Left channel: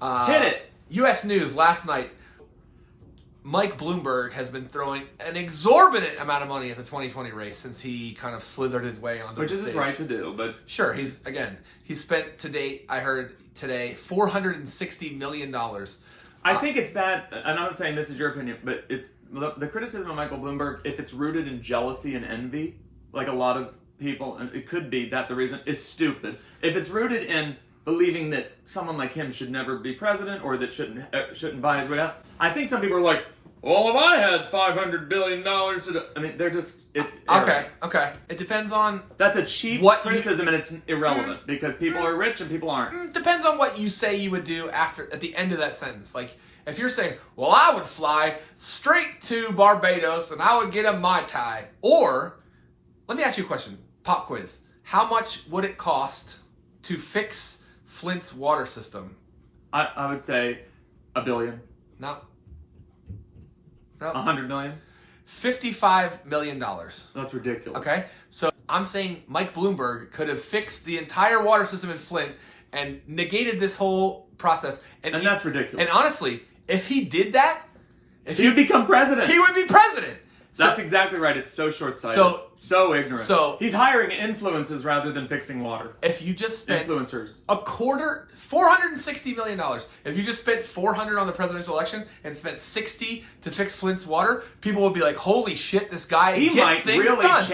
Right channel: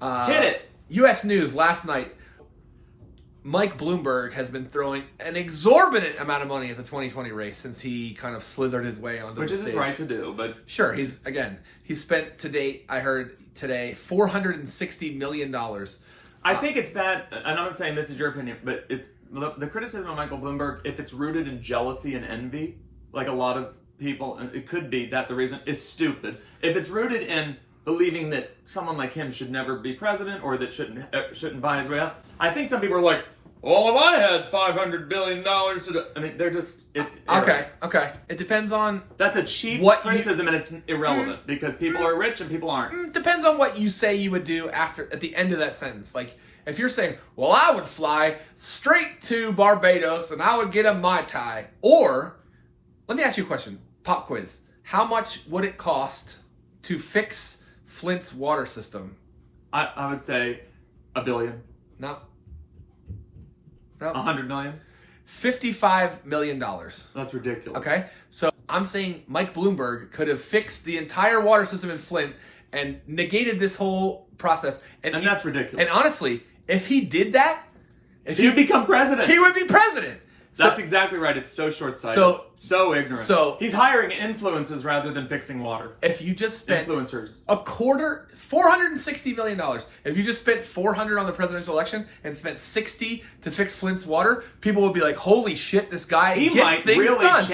Hit it. U.S. News last night. Mike Bloomberg has been throwing an exorbitant amount of money at the 2020 race since he kind of slithered his way onto the stage. Which is his right to do, but... Sure, he's spent to date, I heard today, $460 million. I think it's bad, and I'm not saying this is your opinion, but it's the criticism of Michael Bloomberg, if it's rooted in jealousy and envy, like a lot of people, and it could be that the reason is stupid. If it's rooted in believing that someone like him should never be president or that shouldn't buy his way out, I think some people are like, well, if I had $500 billion to do... I mean, they're just... It's Okay. It depends on... That's a cheap criticism, and it's irrelevant, because people are rich and people aren't. Depends on what you say you would do at the end of that sentence. Like, if you're saying, well, I would fly straight to Barbados and I would get a Mai Tai. Or, let me ask you a question. Pop quiz. How much would it cost to fix Flint's water system? I would say $1 billion. No. 100 million? $55 million. That's ridiculous. Okay? So I'm saying Mike Bloomberg could have fixed the entire water system in Flint and negated this whole process. And that's ridiculous. And honestly, if he did that... He would become president. He would be president. That's exactly right. It's so short-sighted. So ignorant. So he's hiring influences rather than fixing water. If you just spent influencers $460 million. If you just spent $400 on the presidential election and spent $60 to fix Flint's water, people would be like, "Holy shit, this guy he gets might things really done."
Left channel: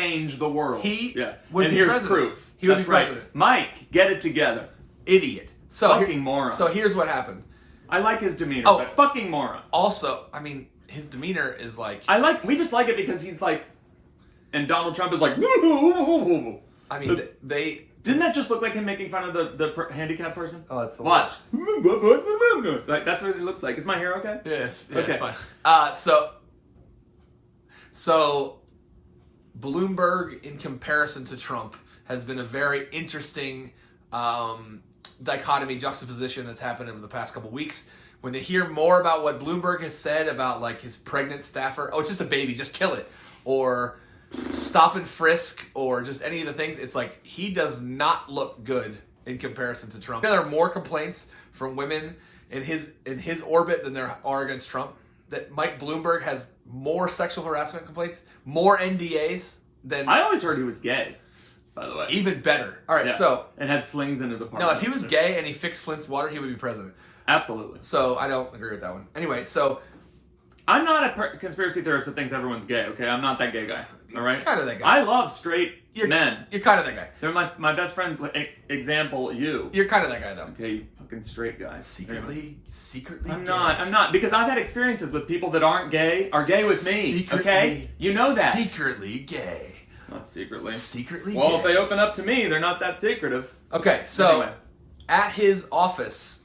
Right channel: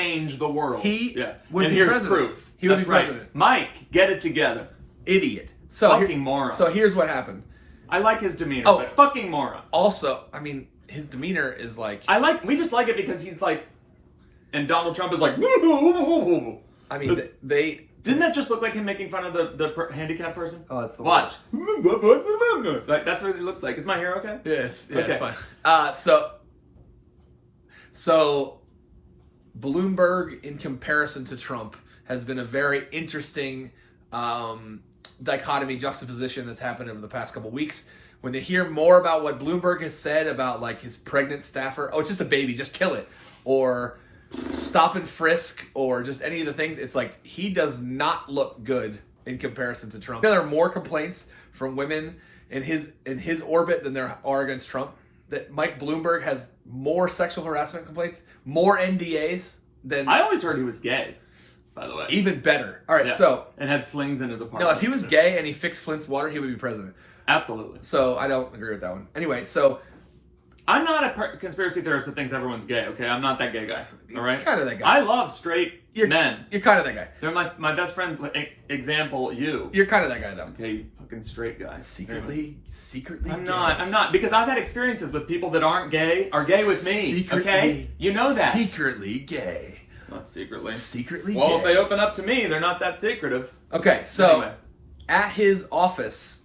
He would and be here's president. proof. He would That's be right. president. Mike, get it together. Idiot. Fucking moron. So here's what happened. I like his demeanor, but fucking moron. Also, I mean, his demeanor is like... We just like it because he's like... And Donald Trump is like... I mean, they... Didn't that just look like him making fun of the handicapped person? Oh, that's the Watch. Like, that's what it looked like. Is my hair okay? Yeah, okay. It's fine. So Bloomberg, in comparison to Trump, has been a very interesting dichotomy, juxtaposition that's happened over the past couple weeks. When they hear more about what Bloomberg has said about like his pregnant staffer, oh, it's just a baby, just kill it, or stop and frisk, or just any of the things, it's like he does not look good in comparison to Trump. There are more complaints from women in his orbit than there are against Trump. That Mike Bloomberg has more sexual harassment complaints, more NDAs than... I always heard he was gay, by the way. Even better. All right, so... And had slings in his apartment. No, if he was gay and he fixed Flint's water, he would be president. Absolutely. So I don't agree with that one. Anyway, so... I'm not a conspiracy theorist that thinks everyone's gay, okay? I'm not that gay guy, all right? You're kind of that guy. I love straight men. You're kind of that guy. They're my best friend, example, you. You're kind of that guy, though. Okay, you fucking straight guy. Secretly I'm gay. I'm not, because I've had experiences with people that aren't gay, are gay with me, okay? You know that. Secretly gay. Not secretly. Secretly well, gay. if they open up to me, they're not that secretive. Okay, so anyway. At his office,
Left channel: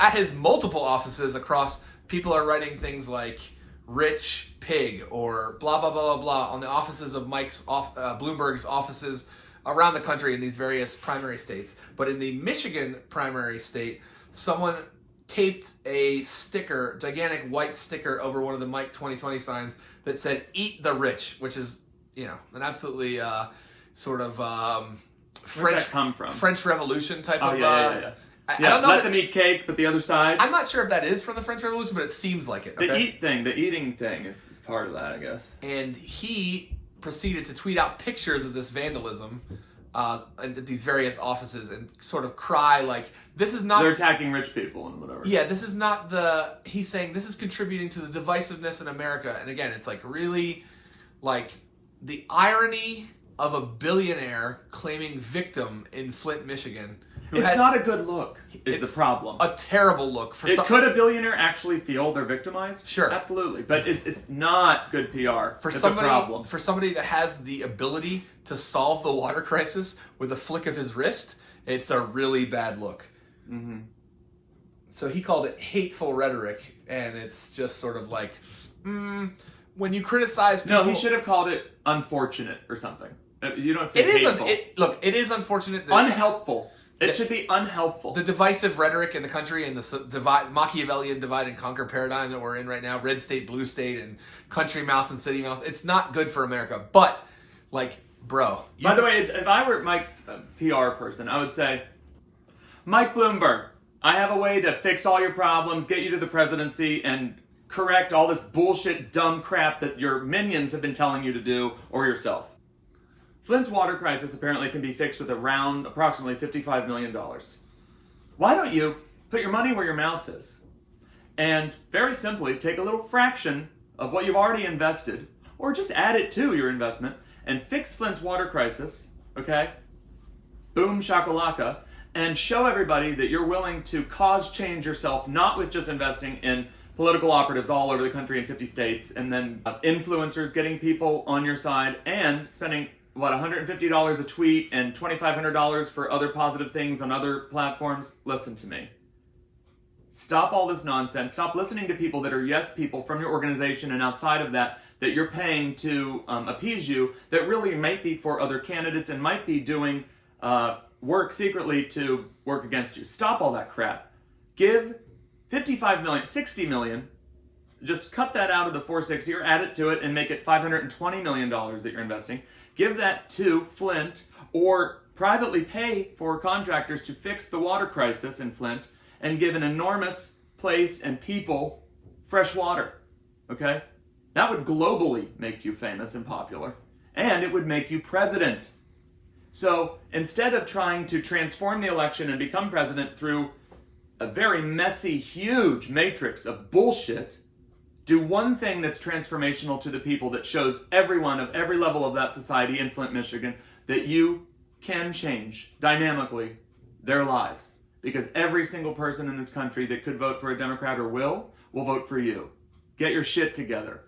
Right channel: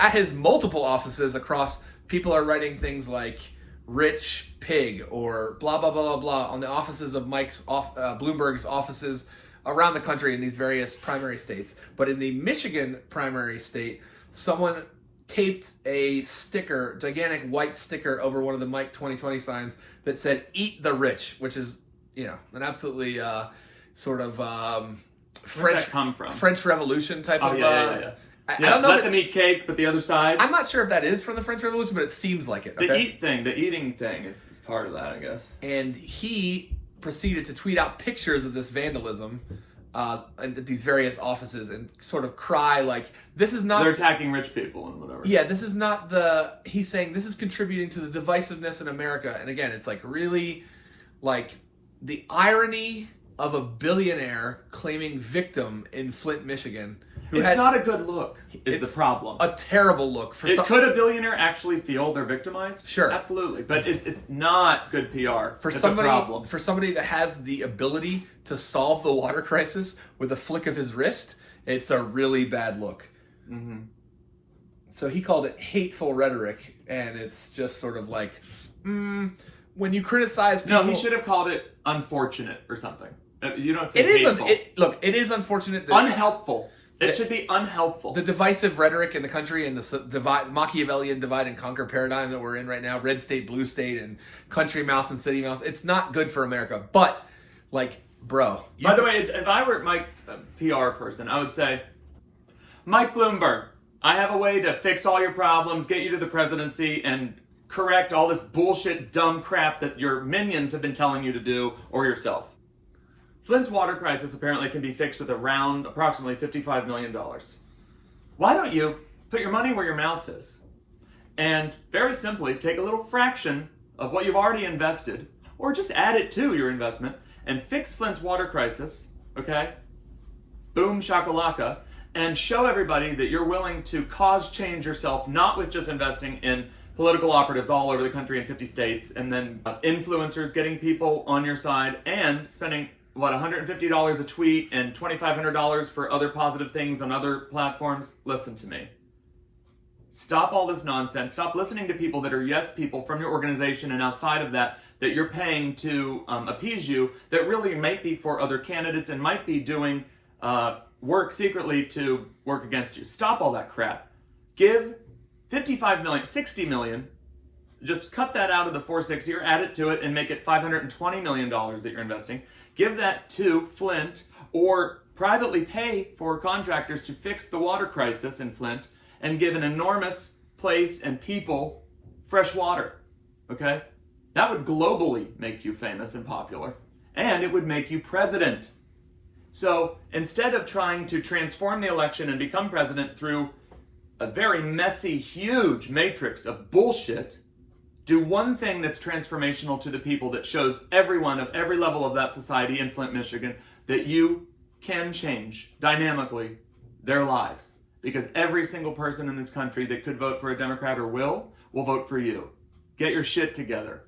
at his multiple offices across, people are writing things like rich pig or blah, blah, blah, blah, blah on the offices of Bloomberg's offices around the country in these various primary states. But in the Michigan primary state, someone taped a sticker, gigantic white sticker over one of the Mike 2020 signs that said, "Eat the rich," which is, an absolutely sort of Where'd that come from? French Revolution type of... Yeah. I don't know let them eat cake, but the other side... I'm not sure if that is from the French Revolution, but it seems like it. Okay? The eating thing is part of that, I guess. And he proceeded to tweet out pictures of this vandalism at these various offices and sort of cry like, this is not... They're attacking rich people and whatever. Yeah, this is not the... He's saying this is contributing to the divisiveness in America. And again, it's like really like the irony of a billionaire claiming victim in Flint, Michigan. It's not a good look, is the problem. A terrible look. Could a billionaire actually feel they're victimized? Sure. Absolutely. But it's not good PR. It's a problem. For somebody that has the ability to solve the water crisis with a flick of his wrist, it's a really bad look. Mm-hmm. So he called it hateful rhetoric, and it's just sort of like, when you criticize people... No, he should have called it unfortunate or something. You don't say hateful. It is unfortunate. Unhelpful. It should be unhelpful. The divisive rhetoric in the country and the Machiavellian divide and conquer paradigm that we're in right now, red state, blue state, and country mouse and city mouse, it's not good for America. But, bro. By the way, if I were Mike's PR person, I would say, Mike Bloomberg, I have a way to fix all your problems, get you to the presidency, and correct all this bullshit, dumb crap that your minions have been telling you to do, or yourself. Flint's water crisis apparently can be fixed with around approximately $55 million. Why don't you put your money where your mouth is? And very simply, take a little fraction of what you've already invested, or just add it to your investment, and fix Flint's water crisis, okay? Boom shakalaka, and show everybody that you're willing to cause change yourself, not with just investing in political operatives all over the country in 50 states, and then influencers getting people on your side, and spending, $150 a tweet and $2,500 for other positive things on other platforms. Listen to me. Stop all this nonsense. Stop listening to people that are yes people from your organization and outside of that you're paying to appease you, that really might be for other candidates and might be doing work secretly to work against you. Stop all that crap. Give 55 million, 60 million, just cut that out of the 460 or add it to it and make it $520 million that you're investing. Give that to Flint, or privately pay for contractors to fix the water crisis in Flint and give an enormous place and people fresh water, okay? That would globally make you famous and popular, and it would make you president. So instead of trying to transform the election and become president through a very messy, huge matrix of bullshit, do one thing that's transformational to the people, that shows everyone of every level of that society in Flint, Michigan, that you can change dynamically their lives. Because every single person in this country that could vote for a Democrat or will vote for you. Get your shit together.